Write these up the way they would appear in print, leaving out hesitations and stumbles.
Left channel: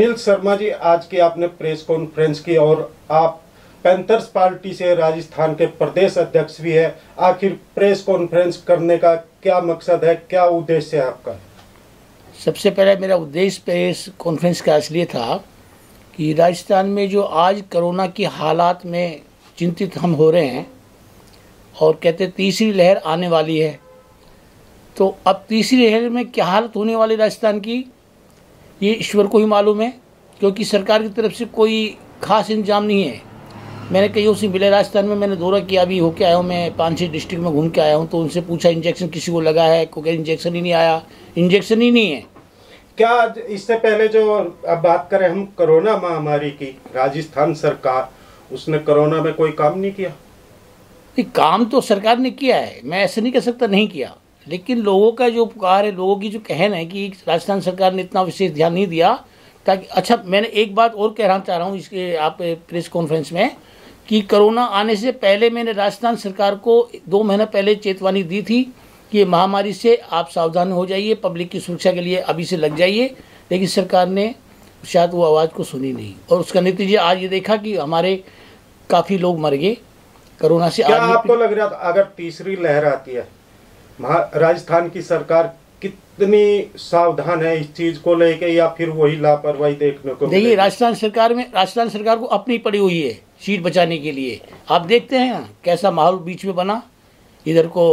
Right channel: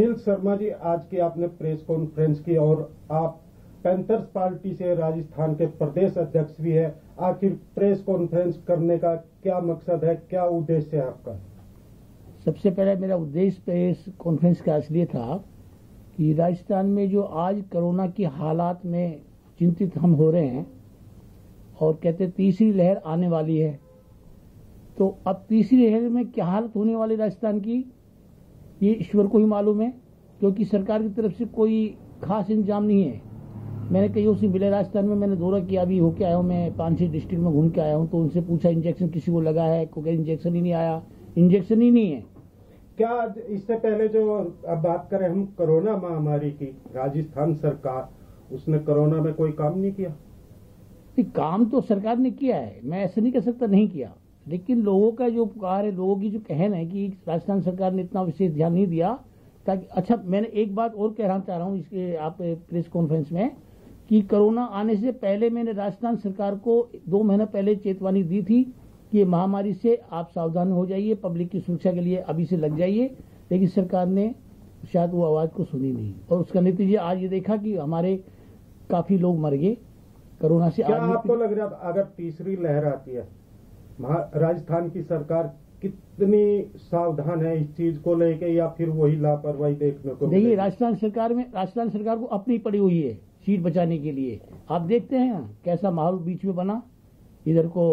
अनिल शर्मा जी, आज की आपने प्रेस कॉन्फ्रेंस की और आप पैंथर्स पार्टी से राजस्थान के प्रदेश अध्यक्ष भी है। आखिर प्रेस कॉन्फ्रेंस करने का क्या मकसद है, क्या उद्देश्य है आपका? सबसे पहले मेरा उद्देश्य प्रेस कॉन्फ्रेंस का इसलिए था कि राजस्थान में जो आज कोरोना की हालात में चिंतित हम हो रहे हैं और कहते तीसरी लहर आने वाली है, तो अब तीसरी लहर में क्या हालत होने वाली राजस्थान की ये ईश्वर को ही मालूम है, क्योंकि सरकार की तरफ से कोई खास इंतजाम नहीं है। मैंने कईयों से मिले राजस्थान में, मैंने दौरा किया, अभी होके आया हूँ, मैं 5-6 डिस्ट्रिक्ट में घूम के आया हूँ, तो उनसे पूछा इंजेक्शन किसी को लगा है, कोई इंजेक्शन ही नहीं आया, इंजेक्शन ही नहीं है। क्या इससे पहले जो अब बात करें हम कोरोना महामारी की, राजस्थान सरकार उसने कोरोना में कोई काम नहीं किया? काम तो सरकार ने किया है, मैं ऐसे नहीं कह सकता नहीं किया, लेकिन लोगों का जो पुकार है, लोगों की जो कहना है कि राजस्थान सरकार ने इतना विशेष ध्यान नहीं दिया। ताकि अच्छा, मैंने एक बात और कहना चाह रहा हूँ इसके आप प्रेस कॉन्फ्रेंस में कि कोरोना आने से पहले मैंने राजस्थान सरकार को 2 महीने पहले चेतावनी दी थी कि ये महामारी से आप सावधान हो जाइए, पब्लिक की सुरक्षा के लिए अभी से लग जाइए, लेकिन सरकार ने शायद वो आवाज़ को सुनी नहीं और उसका नतीजा आज ये देखा कि हमारे काफ़ी लोग मर गए कोरोना से। क्या आपको लग रहा था अगर तीसरी लहर आती है, राजस्थान की सरकार कितनी सावधान है इस चीज को लेके, या फिर वही लापरवाही देखने को? देखिए, राजस्थान सरकार को अपनी पड़ी हुई है सीट बचाने के लिए। आप देखते हैं कैसा माहौल बीच में बना, इधर को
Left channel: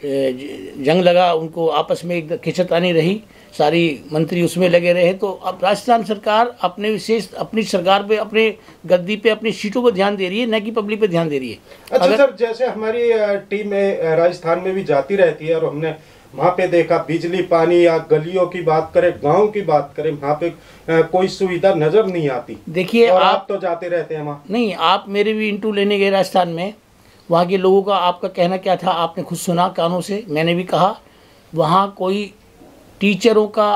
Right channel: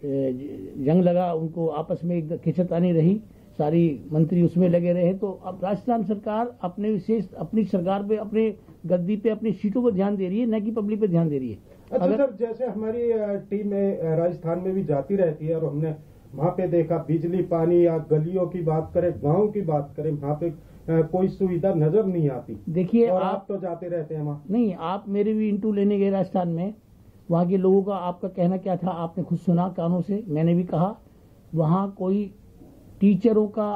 जंग लगा, उनको आपस में एक खिंचतानी रही, सारी मंत्री उसमें लगे रहे। तो अब राजस्थान सरकार अपनी सरकार पे, अपने गद्दी पे, अपनी सीटों पर ध्यान दे रही है, न कि पब्लिक पे ध्यान दे रही है। अच्छा सर, जैसे हमारी टीम राजस्थान में भी जाती रहती है और हमने वहाँ पे देखा बिजली पानी या गलियों की बात करें, गांव की बात करें, वहाँ पे कोई सुविधा नजर नहीं आती। देखिए, आप तो जाते रहते हैं वहाँ। नहीं, आप मेरे भी इंटरव्यू लेने गए राजस्थान में, वहाँ के लोगों का आपका कहना क्या था आपने खुद सुना कानों से। मैंने भी कहा वहाँ कोई टीचरों का,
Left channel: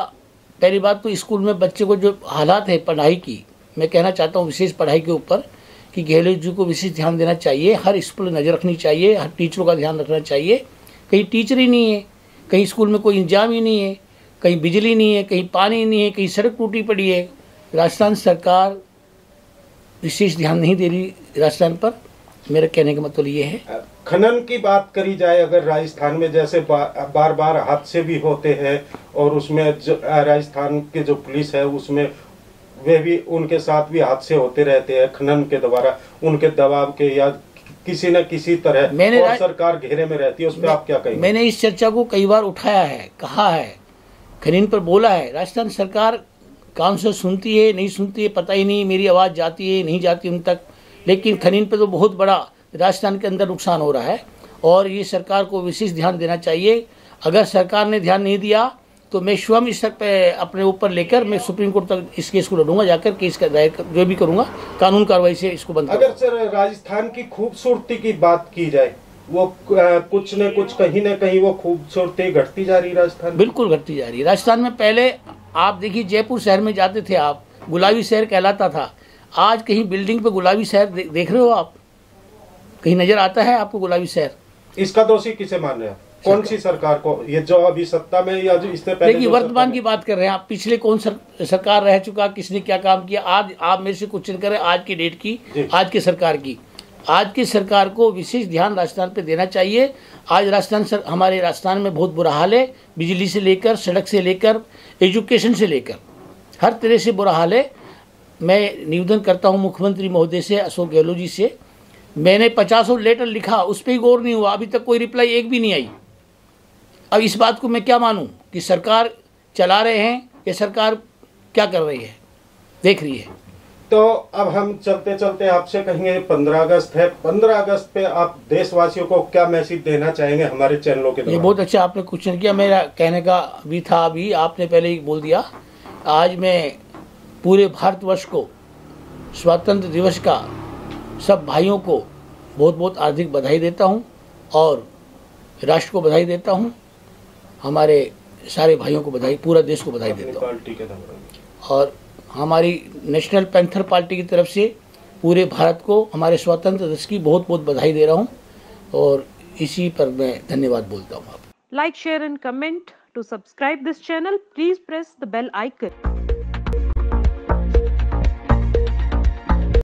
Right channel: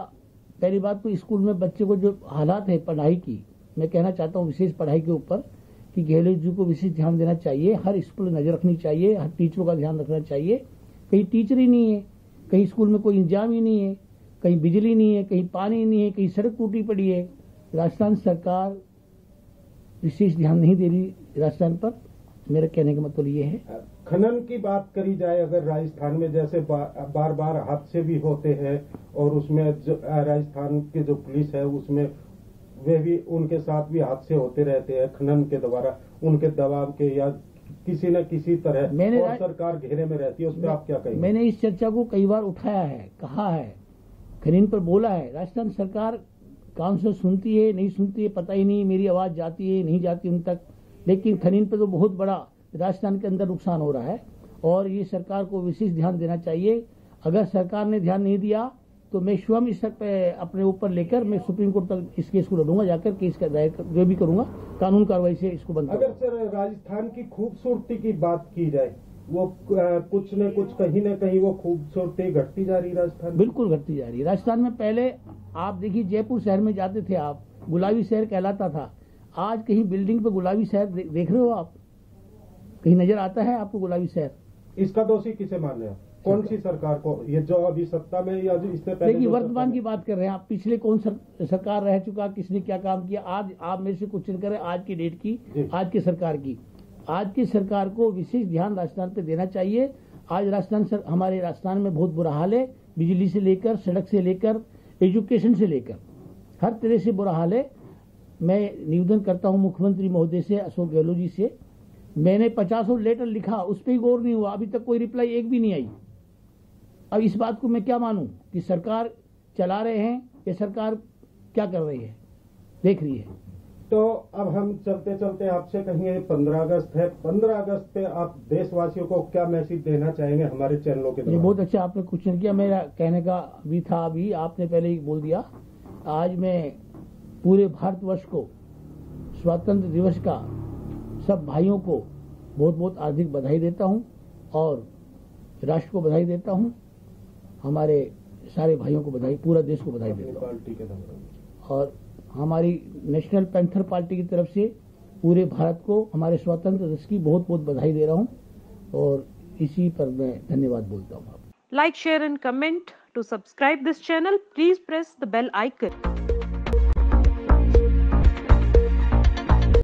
पहली बात तो स्कूल में बच्चे को जो हालात है पढ़ाई की, मैं कहना चाहता हूँ विशेष पढ़ाई के ऊपर कि गहलोत जी को विशेष ध्यान देना चाहिए, हर स्कूल नज़र रखनी चाहिए, हर टीचरों का ध्यान रखना चाहिए। कहीं टीचर ही नहीं है, कहीं स्कूल में कोई इंतजाम ही नहीं है, कहीं बिजली नहीं है, कहीं पानी नहीं है, कहीं सड़क टूटी पड़ी है। राजस्थान सरकार विशेष ध्यान नहीं दे रही राजस्थान पर, मेरा कहने का मतलब ये है। खनन की बात करी जाए अगर राजस्थान में, जैसे बार बार हादसे भी होते हैं और उसमें राजस्थान के जो पुलिस है उसमें वे भी, उनके साथ भी हादसे होते रहते हैं खनन के द्वारा, उनके दबाव के या किसी न किसी तरह, और सरकार घेरे में रहती है, उस पर आप क्या कहेंगे? मैंने इस चर्चा को कई बार उठाया है, कहा है, खनन पर बोला है। राजस्थान सरकार कान से सुनती है नहीं सुनती है पता ही नहीं, मेरी आवाज़ जाती है नहीं जाती उन तक, लेकिन खनन पर तो बहुत बड़ा राजस्थान के अंदर नुकसान हो रहा है और ये सरकार को विशेष ध्यान देना चाहिए। अगर सरकार ने ध्यान नहीं दिया तो मैं स्वयं इस पे अपने ऊपर लेकर मैं सुप्रीम कोर्ट तक इस केस को लड़ूंगा, जाकर केस का दायर जो भी करूंगा, कानून कार्रवाई से इसको बंद करूंगा। अगर सर राजस्थान की खूबसूरती की बात की जाए, वो कुछ न कुछ कहीं न कहीं वो खूबसूरती घटती जा रही है राजस्थान? बिल्कुल घटती जा रही है। राजस्थान में पहले आप देखिए, जयपुर शहर में जाते थे आप, गुलाबी शहर कहलाता था। आज कहीं बिल्डिंग पे गुलाबी शहर देख रहे हो आप? कहीं नजर आता है आपको गुलाबी शहर? इसका दोषी किसे मान रहे हैं? कौन सी सरकार को? ये जो अभी सत्ता में या जो इससे पहले? देखिए, वर्तमान की बात कर रहे हैं आप, पिछले कौन सरकार रह चुका, किसने क्या काम किया। आज आप मेरे से क्वेश्चन करें आज की डेट की, आज की सरकार की। आज की सरकार को विशेष ध्यान राजस्थान पे देना चाहिए। आज हमारे राजस्थान में बहुत बुरा हाल है, बिजली से लेकर, सड़क से लेकर, एजुकेशन से लेकर, हर तरह से बुरा हाल है। मैं निवेदन करता हूँ मुख्यमंत्री महोदय से, अशोक गहलोत जी से, मैंने 50 लेटर लिखा, उस पर ही गौर नहीं हुआ, अभी तक कोई रिप्लाई एक भी नहीं आई। अब इस बात को मैं क्या मानूं कि सरकार चला रहे हैं या सरकार क्या कर रही है, देख रही है। तो अब हम चलते चलते आपसे कहेंगे 15 अगस्त है, 15 अगस्त पे आप देशवासियों को क्या मैसेज देना चाहेंगे हमारे चैनलों के द्वारा? ये बहुत अच्छा आपने क्वेश्चन किया, मेरा कहने का भी था, अभी आपने पहले ही बोल दिया। आज मैं पूरे भारतवर्ष को स्वतंत्र दिवस का सब भाइयों को बहुत बहुत हार्दिक बधाई देता हूँ और राष्ट्र को बधाई देता हूँ, हमारे सारे भाइयों को बधाई, पूरा देश को बधाई देता हूँ। और हमारी नेशनल पैंथर पार्टी की तरफ से पूरे भारत को हमारे स्वतंत्र दिवस की बहुत बहुत बधाई दे रहा हूँ और इसी पर मैं धन्यवाद बोलता हूँ। Like, share and comment. To subscribe this channel, please press the bell icon.